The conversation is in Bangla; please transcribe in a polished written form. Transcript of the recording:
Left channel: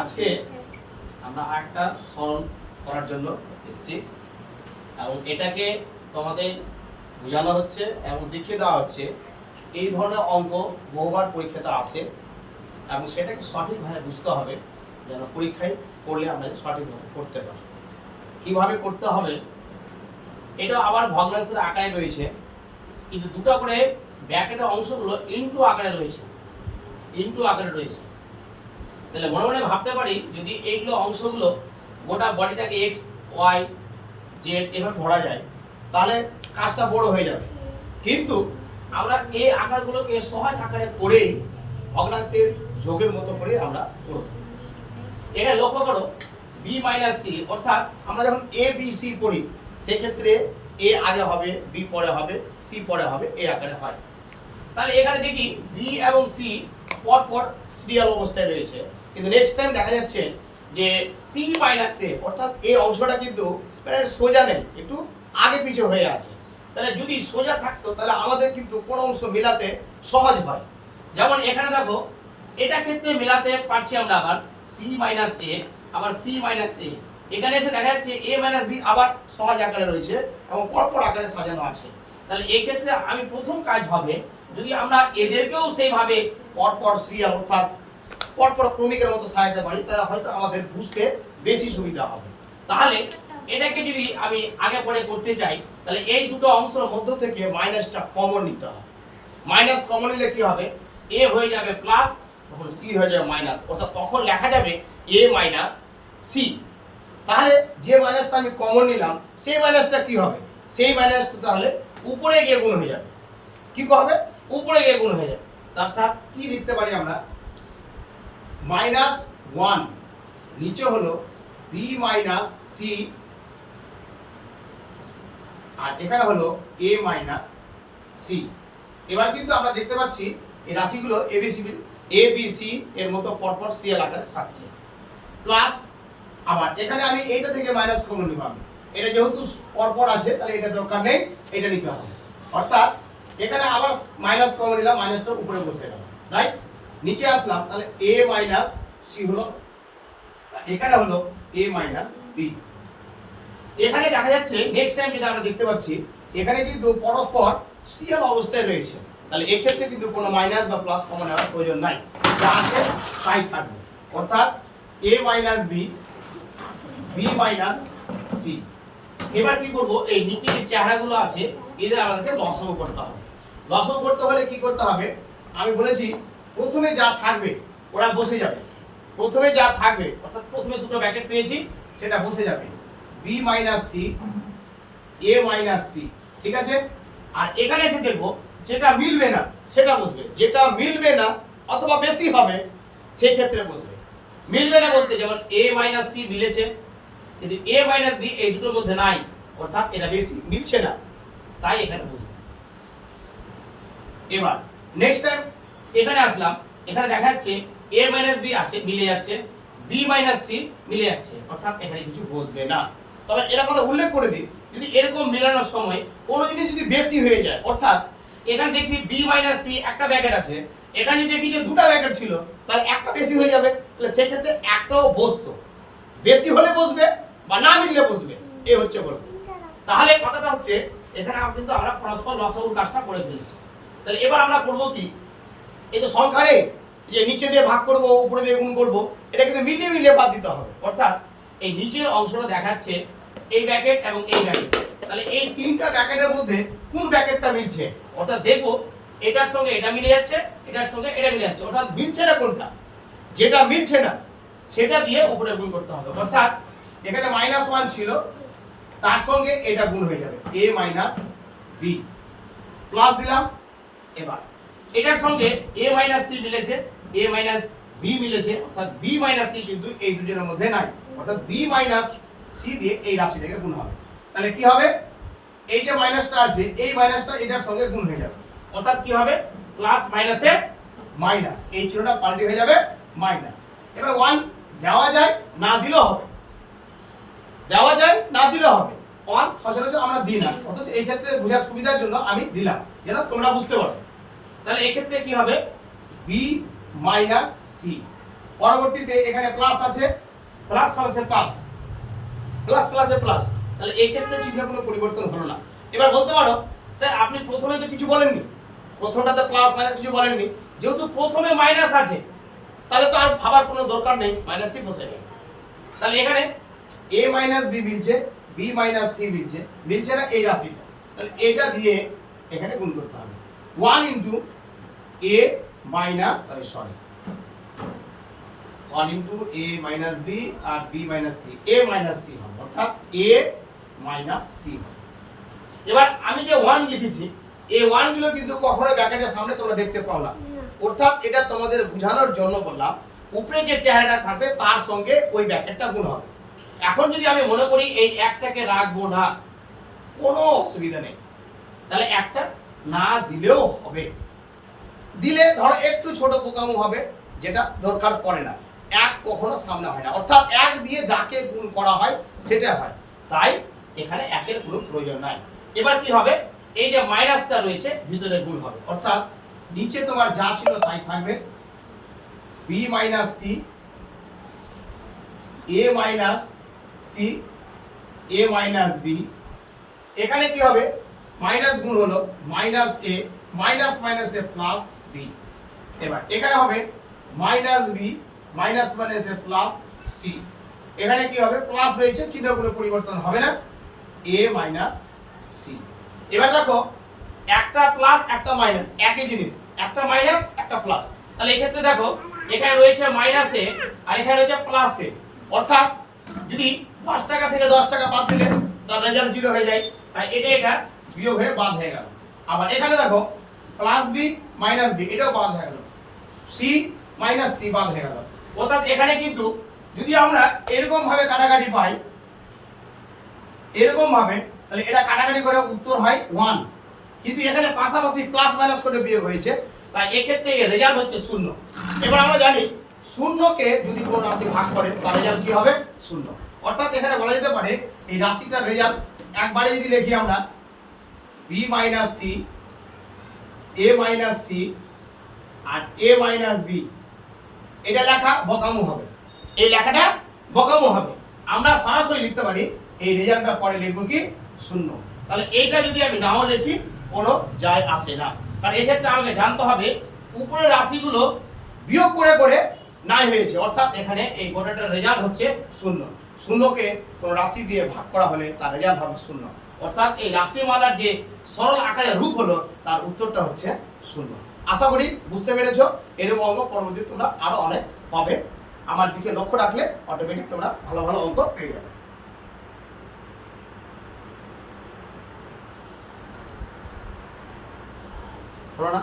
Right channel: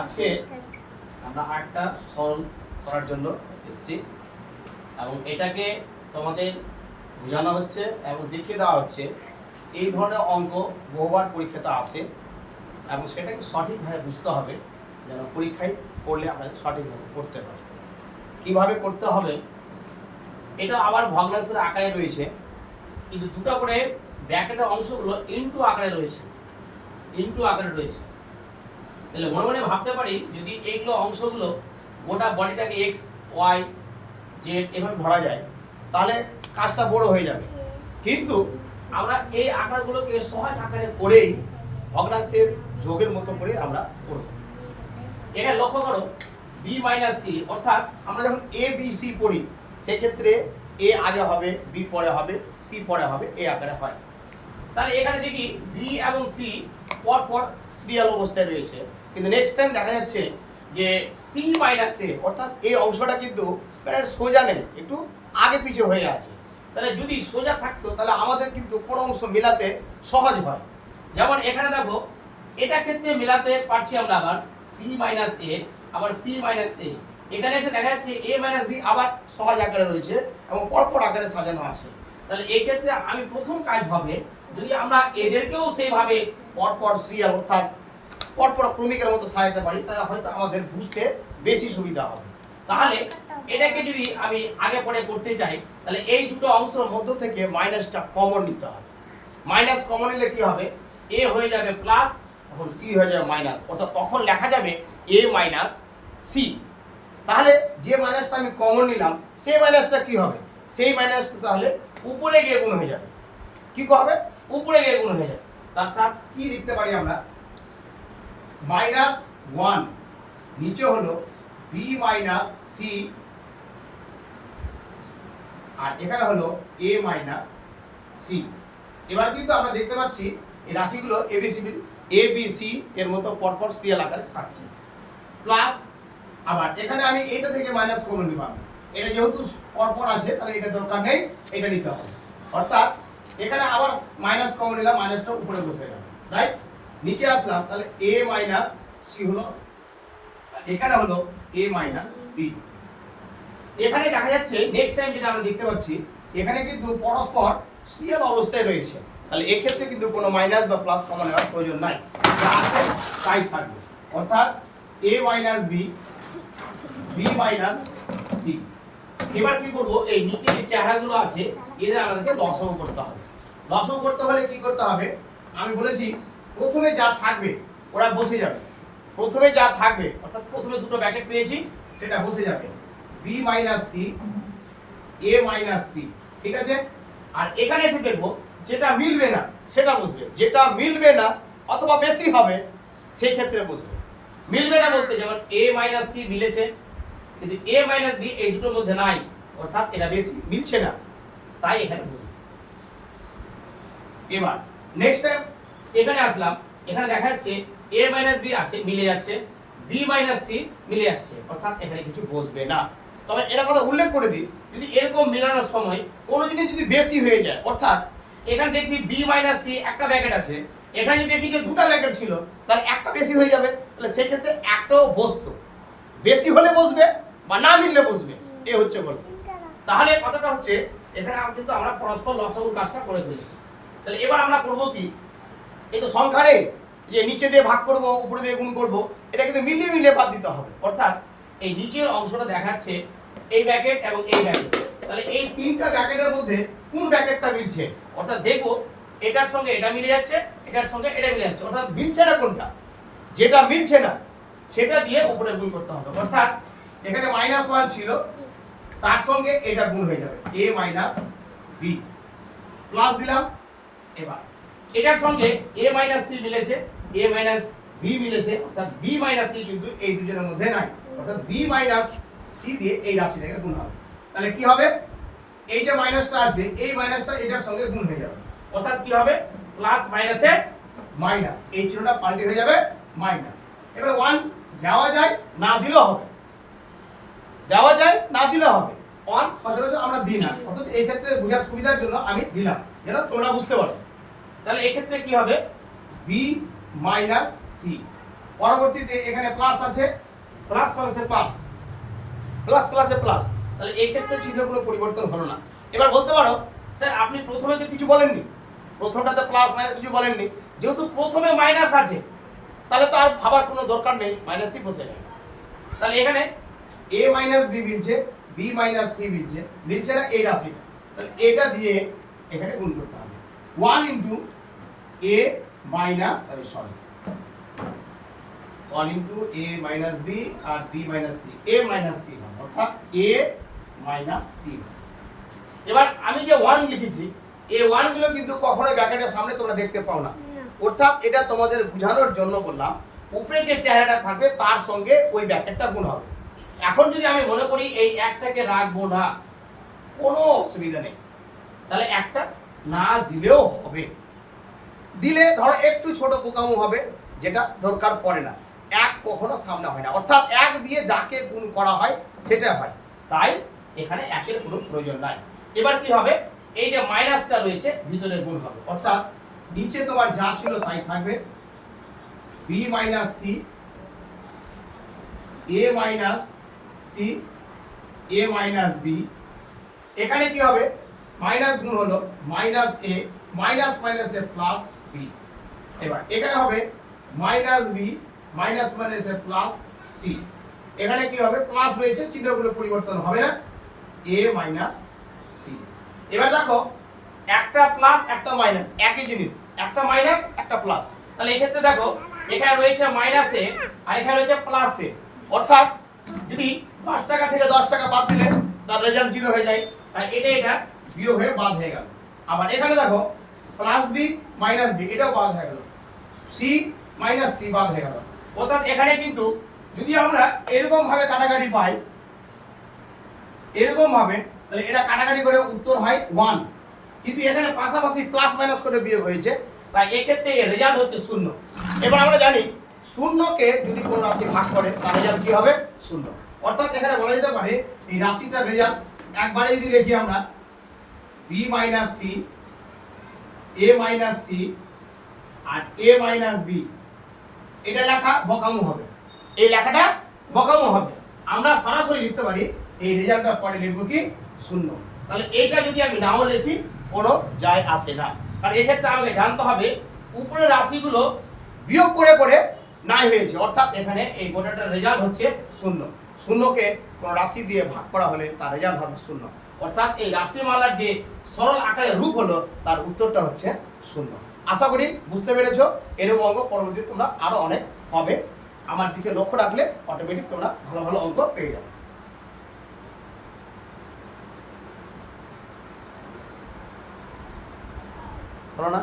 আজকে আমরা আরেকটা সলভ করার জন্য এসেছি এবং এটাকে তোমাদের বোঝানো হচ্ছে এবং দেখিয়ে দেওয়া হচ্ছে এই ধরনের অঙ্ক বহুবার পরীক্ষাতে আসে এবং সেটাকে সঠিকভাবে বুঝতে হবে যেন পরীক্ষায় পড়লে আপনাকে সঠিকভাবে করতে পারে। কীভাবে করতে হবে এটা আবার ভগ্নাংশের আকারে রয়েছে, কিন্তু দুটো করে ব্র্যাকেটের অংশগুলো ইনটু আকারে রয়েছে, তাহলে মনে মনে ভাবতে পারি যদি এইগুলো অংশগুলো গোটা বডিটাকে এক্স ওয়াই জেড এভাবে ধরা যায় তাহলে কাজটা বড় হয়ে যাবে, কিন্তু আমরা এই আকারগুলোকে সহজ আকারে করেই ভগ্নাংশের যোগের মতো করে আমরা করব। এটা লক্ষ্য করো বি মাইনাস সি, অর্থাৎ আমরা যখন এ বি সি পড়ি সেক্ষেত্রে এ আগে হবে, বি পরে হবে, সি পরে হবে, এই আকারে হয়। তাহলে এখানে দেখি বি এবং সি পর পর সিরিয়াল অবস্থায় রয়েছে, কিন্তু নেক্সট টাইম দেখা যাচ্ছে যে সি মাইনাস এ অর্থাৎ এই অংশটা কিন্তু সোজা নেই, একটু আগে পিছে হয়ে আছে। তাহলে যদি সোজা থাকতো তাহলে আমাদের কিন্তু কোন অংশ মেলাতে সহজ হয়। যেমন এখানে দেখো এটা ক্ষেত্রে মেলাতে পারছি আমরা আবার সি মাইনাস এ আবার সি মাইনাস এ, এখানে এসে দেখা যাচ্ছে এ মাইনাস বি আবার সহজ আকারে রয়েছে এবং পরপর আকারে সাজানো আছে। তাহলে এই ক্ষেত্রে আমি প্রথম কাজ হবে যদি আমরা এদেরকেও সেইভাবে পরপর সিরিয়াল অর্থাৎ পরপর ক্রমিকের মতো সাজাতে পারি তাহলে হয়তো আমাদের বুঝতে বেশি সুবিধা হবে। তাহলে এটাকে যদি আমি আগে পরে করতে চাই তাহলে এই দুটো অংশের মধ্য থেকে মাইনাসটা কমন নিতে হবে। মাইনাস কমন নিলে কি হবে, এ হয়ে যাবে প্লাস, তখন সি হয়ে যাবে মাইনাস, অর্থাৎ তখন লেখা যাবে এ মাইনাস সি। তাহলে যে মাইনাসটা আমি কমন নিলাম সেই মাইনাসটা কি হবে, সেই মাইনাসটা তাহলে উপরে গিয়ে গুণ হয়ে যাবে। কি হবে, উপরে গিয়ে গুণ হয়ে যাবে। অর্থাৎ কি লিখতে পারি আমরা, মাইনাস ওয়ান নিচে হলো বি মাইনাস সি আর এখানে হলো এ মাইনাস সি। এবার কিন্তু আমরা দেখতে পাচ্ছি এই রাশিগুলো এবিসি এর মতো পরপর সিরিয়াল আকারে সাজছে। প্লাস আবার এখানে আমি এইটা থেকে মাইনাস কমন নিব, এটা যেহেতু পরপর আছে তাহলে এটা দরকার নেই, এটা নিতে হবে। অর্থাৎ এখানে আবার মাইনাস কমন নিলাম, মাইনাসটা উপরে বসে গেল, রাইট। নিচে আসলাম তাহলে এ মাইনাস সি হলো, এখানে হলো এ মাইনাস বি। এখানে দেখা যাচ্ছে নেক্সট টাইম যেটা আমরা দেখতে পাচ্ছি এখানে কিন্তু পরস্পর সিরিয়াল অবস্থায় রয়েছে, তাহলে এই ক্ষেত্রে কিন্তু কোনো মাইনাস বা প্লাস কমন নেওয়ার প্রয়োজন নাই, যা আছে তাই থাকবে। অর্থাৎ A minus B, B minus C. এবার কি করব, এই নিচে যে চেহারাগুলো আছে এদের আমাদেরকে লসাগু করতে হবে। লসাগু করতে হলে কি করতে হবে, আমি বলেছি প্রথমে যা থাকবে ওরা বসে যাবে। প্রথমে যা থাকবে অর্থাৎ প্রথমে দুটো ব্র্যাকেট পেয়েছি সেটা বসে যাবে, বি মাইনাস সি, এ মাইনাস সি, ঠিক আছে। আর এখানে এসে দেখবো যেটা মিলবে না সেটা বসবে, যেটা মিলবে না অথবা বেশি হবে সেই ক্ষেত্রে বসবে। মিলবে না বলতে যেমন এ মাইনাস সি মিলেছে কিন্তু এ মাইনাস বি এই দুটোর মধ্যে নাই, অর্থাৎ এটা বেশি মিলছে না, তাই এখানে বসবে। এবার নেক্সট টাইম এখানে আসলাম, এখানে দেখা যাচ্ছে এ মাইনাস বি আছে মিলে যাচ্ছে, বি মাইনাস সি মিলে যাচ্ছে, অর্থাৎ এখানে কিছু বসবে না। তবে এটা কথা উল্লেখ করে দিই, যদি এরকম মেলানোর সময় কোনো জিনিস যদি বেশি হয়ে যায়, অর্থাৎ এখানে দেখছি বি মাইনাস সি একটা ব্র্যাকেট আছে, এখানে যদি দেখি যে দুটো ব্র্যাকেট ছিল তাহলে একটা বেশি হয়ে যাবে, তাহলে সেই ক্ষেত্রে একটাও বসতো, বেশি হলে বসবে বা না মিললে বসবে, এ হচ্ছে বলবো। তাহলে কথাটা হচ্ছে এখানে কিন্তু আমরা পরস্পর লসাগুর কাজটা করে ফেলেছি। তাহলে এবার আমরা করব কি, এই তো সংখ্যারে যে নিচে দিয়ে ভাগ করব উপরে দিয়ে গুণ করব, এটা কিন্তু মিলিয়ে মিলিয়ে বাদ দিতে হবে। অর্থাৎ এই নিচের অংশটা দেখাচ্ছে এই ব্র্যাকেট এবং এই ব্র্যাকেট, তাহলে এই তিনটা ব্র্যাকেটের মধ্যে কোন ব্র্যাকেটটা মিলছে, অর্থাৎ দেখো এটার সঙ্গে এটা মিলে যাচ্ছে, এটার সঙ্গে এটা মিলে যাচ্ছে, অর্থাৎ মিলছে না কোনটা, যেটা মিলছে না সেটা দিয়ে উপরে গুণ করতে হবে। অর্থাৎ এখানে -1 ছিল তার সঙ্গে এটা গুণ হয়ে যাবে a মাইনাস বি, প্লাস দিলাম। এবার এটার সঙ্গে a মাইনাস সি মিলেছে, a মাইনাস বি মিলেছে, অর্থাৎ b মাইনাস সি কিন্তু এই দুটোর মধ্যে নাই, অর্থাৎ b মাইনাস সি দিয়ে এই রাশিটাকে গুণ হবে। তাহলে কি হবে, এই যে মাইনাসটা আছে এই মাইনাসটা এটার সঙ্গে গুণ হয়ে যাবে, অর্থাৎ কি হবে প্লাস মাইনাসে মাইনাস, এই চিহ্নটা পাল্টে হয়ে যাবে মাইনাস। এবার 1 দেওয়া যায় না দিলেও হবে, দেওয়া যায় না দিলেও হবে, 1 সচরাচর আমরা দিই না, অথচ এই ক্ষেত্রে বোঝার সুবিধার জন্য আমি দিলাম যেন তোমরা বুঝতে পারো। তাহলে এই ক্ষেত্রে কি হবে, বি মাইনাস সি পরবর্তীতে এখানে প্লাস আছে, প্লাস প্লাসে প্লাস, প্লাস প্লাসে প্লাস, তাহলে এই ক্ষেত্রে চিহ্নে কোনো পরিবর্তন হলো না। এবার বলতে পারো স্যার আপনি প্রথমে তো কিছু বলেননি, প্রথমটাতে প্লাস মাইনাস কিছু বলেননি, যেহেতু প্রথমে মাইনাস আছে তাহলে তো আর ভাবার কোনো দরকার নেই, মাইনাসই বসে যাবে। তাহলে এখানে a মাইনাস b মিলছে, b মাইনাস c মিলছে না এই রাশিটা, তাহলে এটা দিয়ে এখানে গুণ করতে হবে 1 into a minus sorry 1 into a minus b আর b minus c, a minus c হবে, অর্থাৎ a মাইনাস c। এবার আমি যে 1 লিখেছি এই 1 গুলো কিন্তু কখনোই ব্র্যাকেটের সামনে তোমরা দেখতে পাও না, অর্থাৎ এটা তোমাদের বোঝানোর জন্য বললাম উপরে যে চেহারাটা থাকবে তার সঙ্গে ওই ব্র্যাকেটটা গুণ হবে। এখন যদি আমি মনে করি এই একটাকে রাখবো না, কোনো অসুবিধা নেই, তাহলে একটা না দিলেও হবে, দিলে ধরো একটু ছোট বোকামো হবে, যেটা দরকার পড়ে না। এক কখনো সামনে হয় না, অর্থাৎ এক দিয়ে যাকে গুণ করা হয় সেটা হয়, তাই এখানে একের কোনো প্রয়োজন নাই। এবার কি হবে, এই যে মাইনাসটা রয়েছে ভিতরে গুণ হবে, অর্থাৎ নিচে তোমার যা ছিল তাই থাকবে, b minus c, a minus c, a minus b, এখানে কি হবে মাইনাস গুণ হলো মাইনাস a, মাইনাস মাইনাসে প্লাস b। এবার এখানে হবে মাইনাস b, মাইনাস মাইনাসে প্লাস c, এখানে কি হবে প্লাস রয়েছে, চিহ্নগুলো পরিবর্তন হবে না, a মাইনাস c। এবার দেখো একটা প্লাস একটা মাইনাস একই জিনিস, একটা মাইনাস একটা প্লাস, তাহলে এই ক্ষেত্রে দেখো এখানে রয়েছে মাইনাস এ আর এখানে রয়েছে প্লাস এ, অর্থাৎ যদি 10 টাকা থেকে 10 টাকা বাদ দিলে তার রেজাল্ট 0 হয়ে যায়, তাই এটা বিয়োগ হয়ে বাদ হয়ে গেল। আবার এখানে দেখো প্লাস বি মাইনাস বি, এটাও বাদ হয়ে গেল, সি মাইনাস সি বাদ হয়ে গেল, অর্থাৎ এখানে কিন্তু যদি আমরা এরকম ভাবে কাটাকাটি পাই, এরকম ভাবে, তাহলে এটা কাটাকাটি করে উত্তর হয় 1, কিন্তু এখানে পাশাপাশি প্লাস মাইনাস করে বিয়োগ হয়েছে, তাই এক্ষেত্রে এর রেজাল্ট হচ্ছে 0। এবার আমরা জানি শূন্যকে যদি কোনো রাশি ভাগ করে তার রেজাল্ট কি হবে 0, অর্থাৎ এখানে বলা যেতে পারে এই রাশিটার রেজাল্ট একবারে যদি লিখি আমরা b minus c, a minus c আর a মাইনাস b, এটা লেখা বকামো হবে, এই লেখাটা বকামো হবে। আমরা সরাসরি লিখতে পারি এই রেজাল্টটা পরে লিখবো কি 0, তাহলে এইটা যদি আমি নাও লিখি কোনো যায় আসে না, কারণ এই ক্ষেত্রে আমাকে জানতে হবে উপরের রাশিগুলো বিয়োগ করে করে নাই হয়েছে, অর্থাৎ এখানে এই গোটাটার রেজাল্ট হচ্ছে 0। শূন্যকে কোনো রাশি দিয়ে ভাগ করা হলে তার রেজাল্ট হবে 0, অর্থাৎ এই রাশিমালার যে সরল আকারের রূপ হলো তার উত্তরটা হচ্ছে 0। আশা করি বুঝতে পেরেছো। এরকম অঙ্ক পরবর্তীতে তোমরা আরো অনেক পাবে, আমার দিকে লক্ষ্য রাখলে অটোমেটিক তোমরা ভালো ভালো অঙ্ক পেয়ে যাবে। হলো না?